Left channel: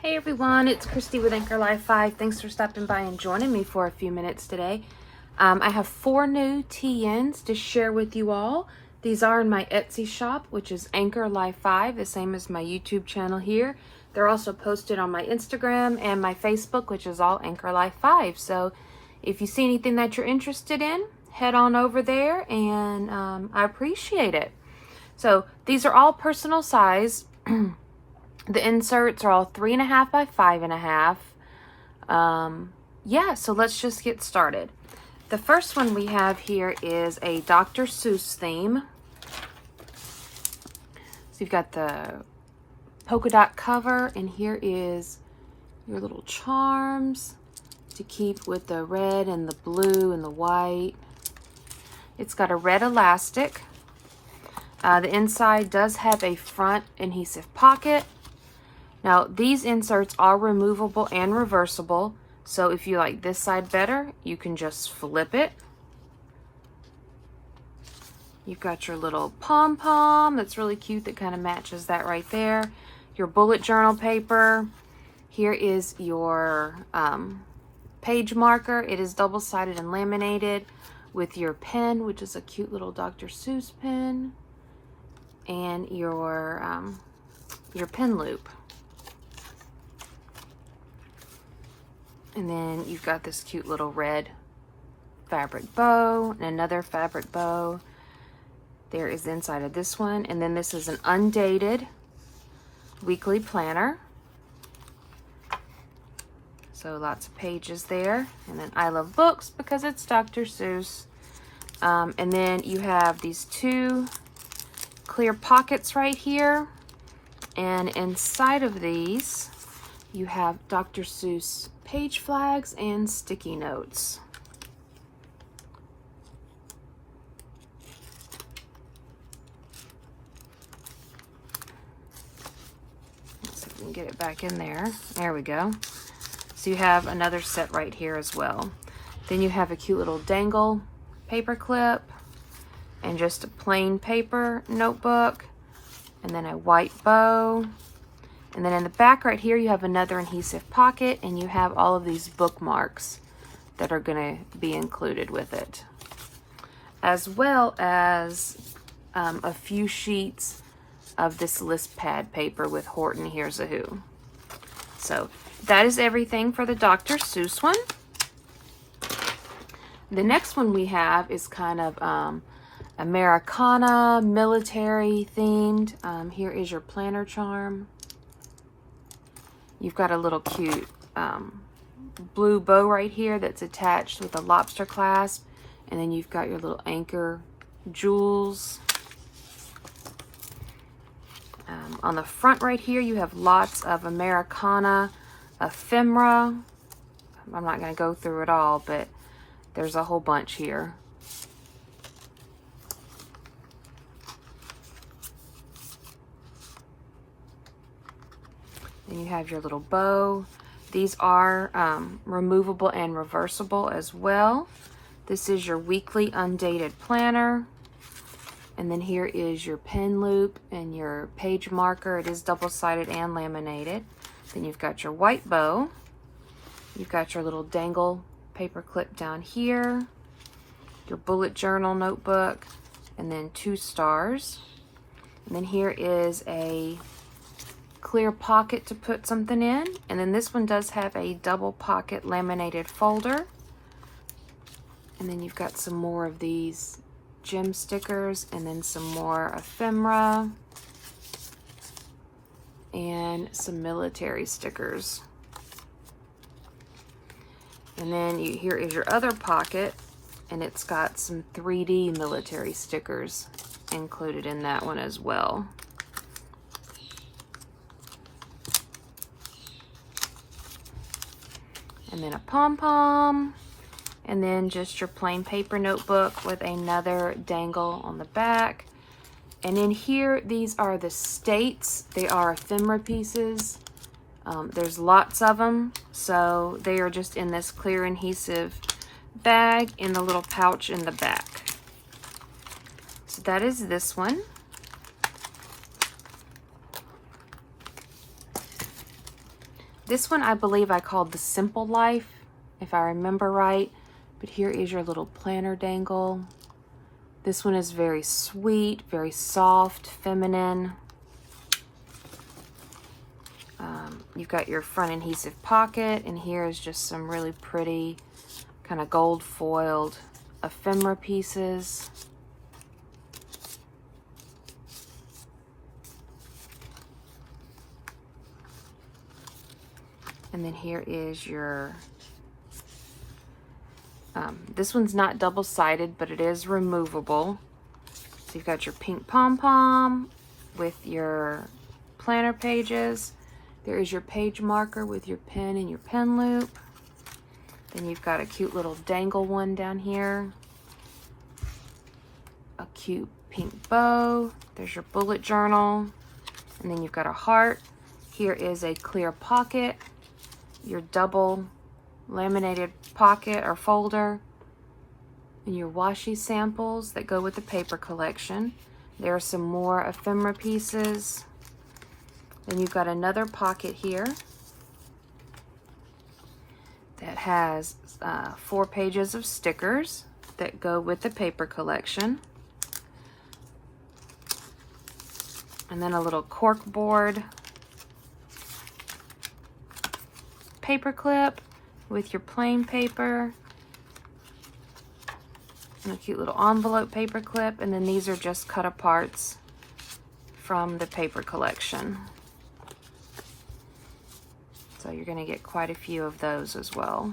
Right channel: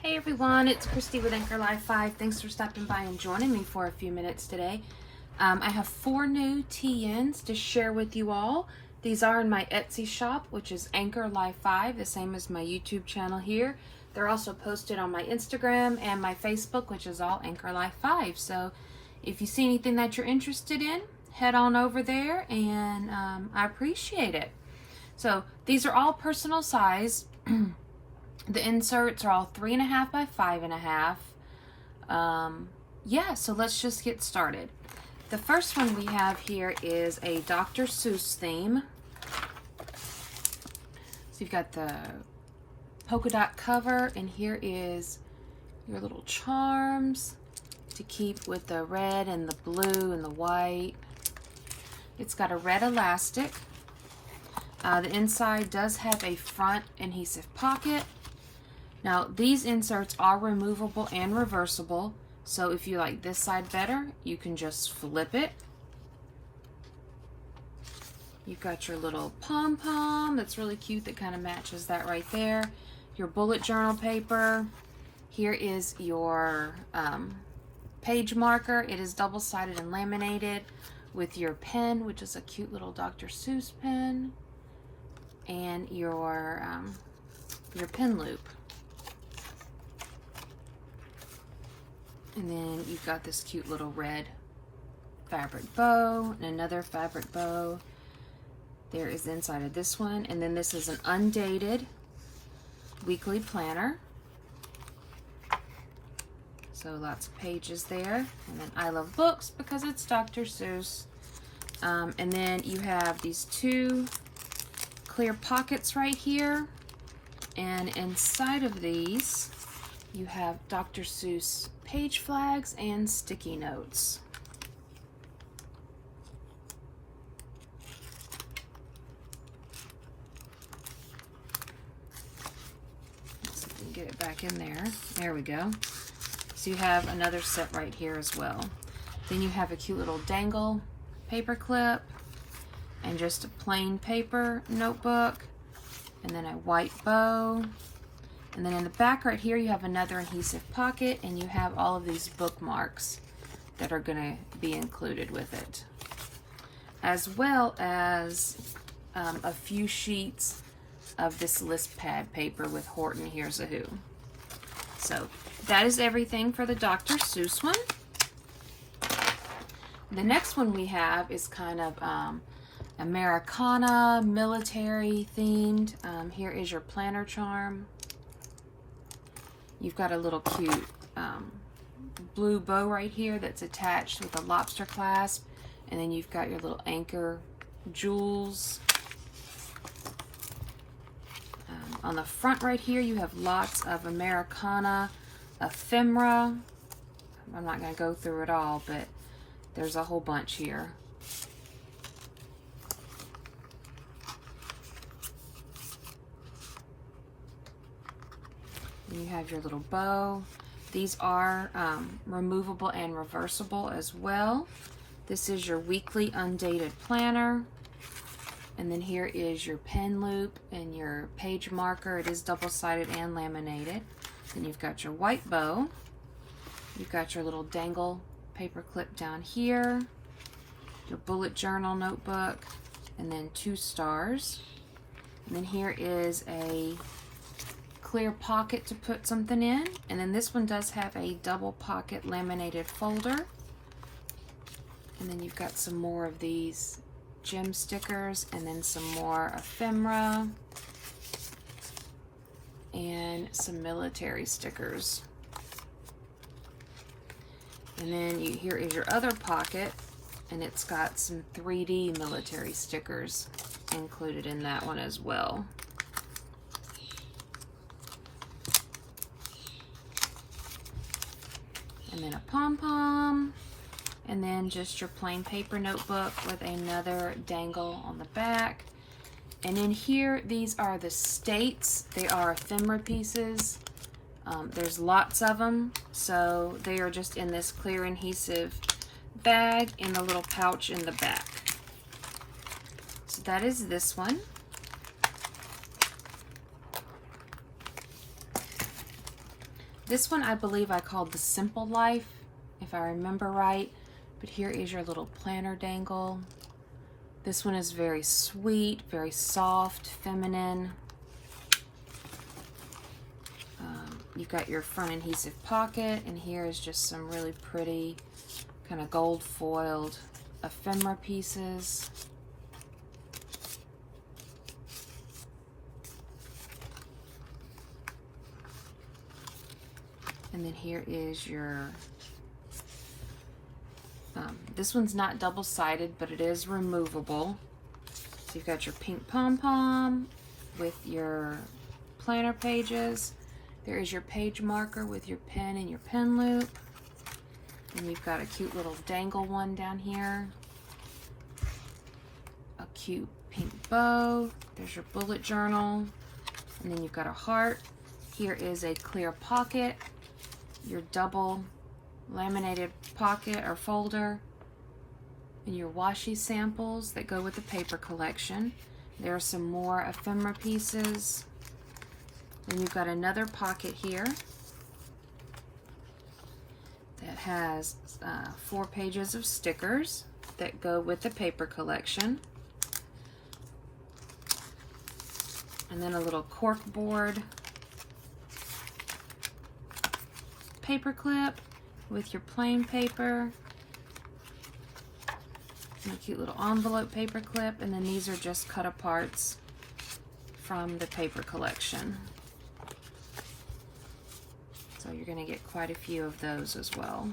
Hey everyone, it's Christy with Anchor Life 5. Thanks for stopping by and joining me for a few minutes today. I have 4 new TNs to share with you all. These are in my Etsy shop, which is Anchor Life 5, the same as my YouTube channel here. They're also posted on my Instagram and my Facebook, which is all Anchor Life 5. So if you see anything that you're interested in, head on over there and I appreciate it. So these are all personal size. The inserts are all 3.5 by 5.5. Yeah, so let's just get started. The first one we have here is a Dr. Seuss theme. So you've got the polka dot cover, and here is your little charms to keep with the red and the blue and the white. It's got a red elastic. The inside does have a front adhesive pocket. Now, these inserts are removable and reversible, so if you like this side better, you can just flip it. You've got your little pom-pom that's really cute that kind of matches that right there. Your bullet journal paper. Here is your page marker. It is double-sided and laminated with your pen, which is a cute little Dr. Seuss pen, and your pen loop. And then you've got this cute little red fabric bow and another fabric bow. There is inside of this one. And then this is an undated weekly planner. So lots of pages there. And then I love books because it's Dr. Seuss. And then you have these 2 clear pockets right here. And inside of these, you have Dr. Seuss page flags and sticky notes. Let's see if we can get it back in there. There we go. So you have another set right here as well. Then you have a cute little dangle paper clip and just a plain paper notebook, and then a white bow. And then in the back right here, you have another adhesive pocket, and you have all of these bookmarks that are going to be included with it, as well as a few sheets of this list pad paper with Horton Hears a Who. So that is everything for the Dr. Seuss one. The next one we have is kind of Americana, military themed. Here is your planner charm. You've got a little cute blue bow right here that's attached with a lobster clasp. And then you've got your little anchor jewels. On the front right here, you have lots of Americana ephemera. I'm not going to go through it all, but there's a whole bunch here. And you have your little bow. These are removable and reversible as well. This is your weekly undated planner. And then here is your pen loop and your page marker. It is double-sided and laminated. Then you've got your white bow. You've got your little dangle paper clip down here. Your bullet journal notebook. And then 2 stars. And then here is a clear pocket to put something in, and then this one does have a double pocket laminated folder. And then you've got some more of these gem stickers, and then some more ephemera and some military stickers. And then here is your other pocket, and it's got some 3D military stickers included in that one as well. And then a pom-pom, and then just your plain paper notebook with another dangle on the back. And in here, these are the states. They are ephemera pieces. There's lots of them, so they are just in this clear adhesive bag in the little pouch in the back. So that is this one. This one I believe I called the Simple Life, if I remember right. But here is your little planner dangle. This one is very sweet, very soft, feminine. You've got your front adhesive pocket, and here is just some really pretty kind of gold foiled ephemera pieces. And then here is your, this one's not double-sided, but it is removable. So you've got your pink pom-pom with your planner pages. There is your page marker with your pen and your pen loop. Then you've got a cute little dangle one down here. A cute pink bow. There's your bullet journal. And then you've got a heart. Here is a clear pocket. Your double laminated pocket or folder. And your washi samples that go with the paper collection. There are some more ephemera pieces. Then you've got another pocket here that has 4 pages of stickers that go with the paper collection. And then a little cork board paper clip with your plain paper. And a cute little envelope paper clip. And then these are just cut aparts from the paper collection. So you're going to get quite a few of those as well.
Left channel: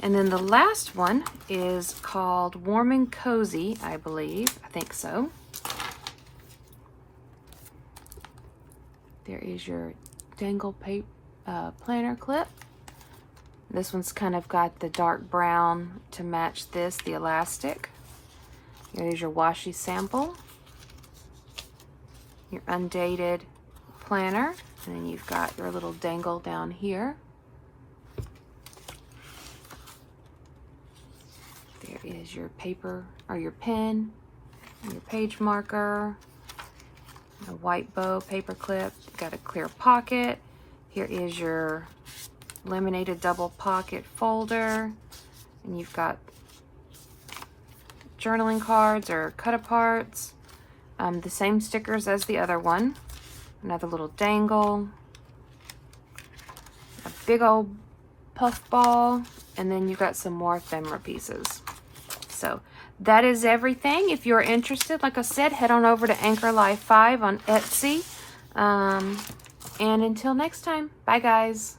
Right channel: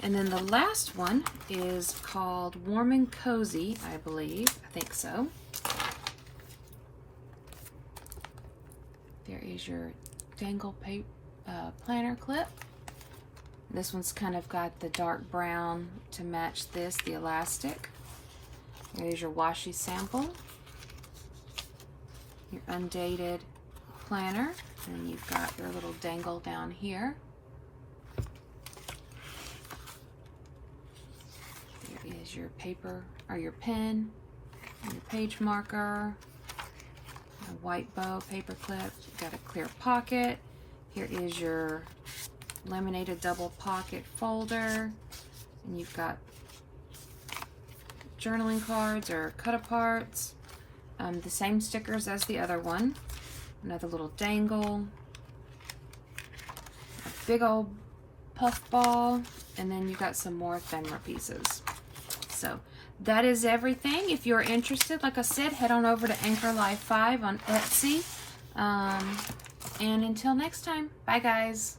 And then the last one is called Warm and Cozy, I believe. I think so. There is your dangle planner clip. This one's kind of got the dark brown to match this, the elastic. There's your washi sample. Your undated planner, and then you've got your little dangle down here. There is your paper or your pen and your page marker, a white bow paper clip. You've got a clear pocket. Here is your laminated double pocket folder, and you've got journaling cards or cut aparts, the same stickers as the other one. Another little dangle, a big old puff ball, and then you've got some more ephemera pieces. So that is everything. If you're interested, like I said, head on over to Anchor Life 5 on Etsy. And until next time, bye guys.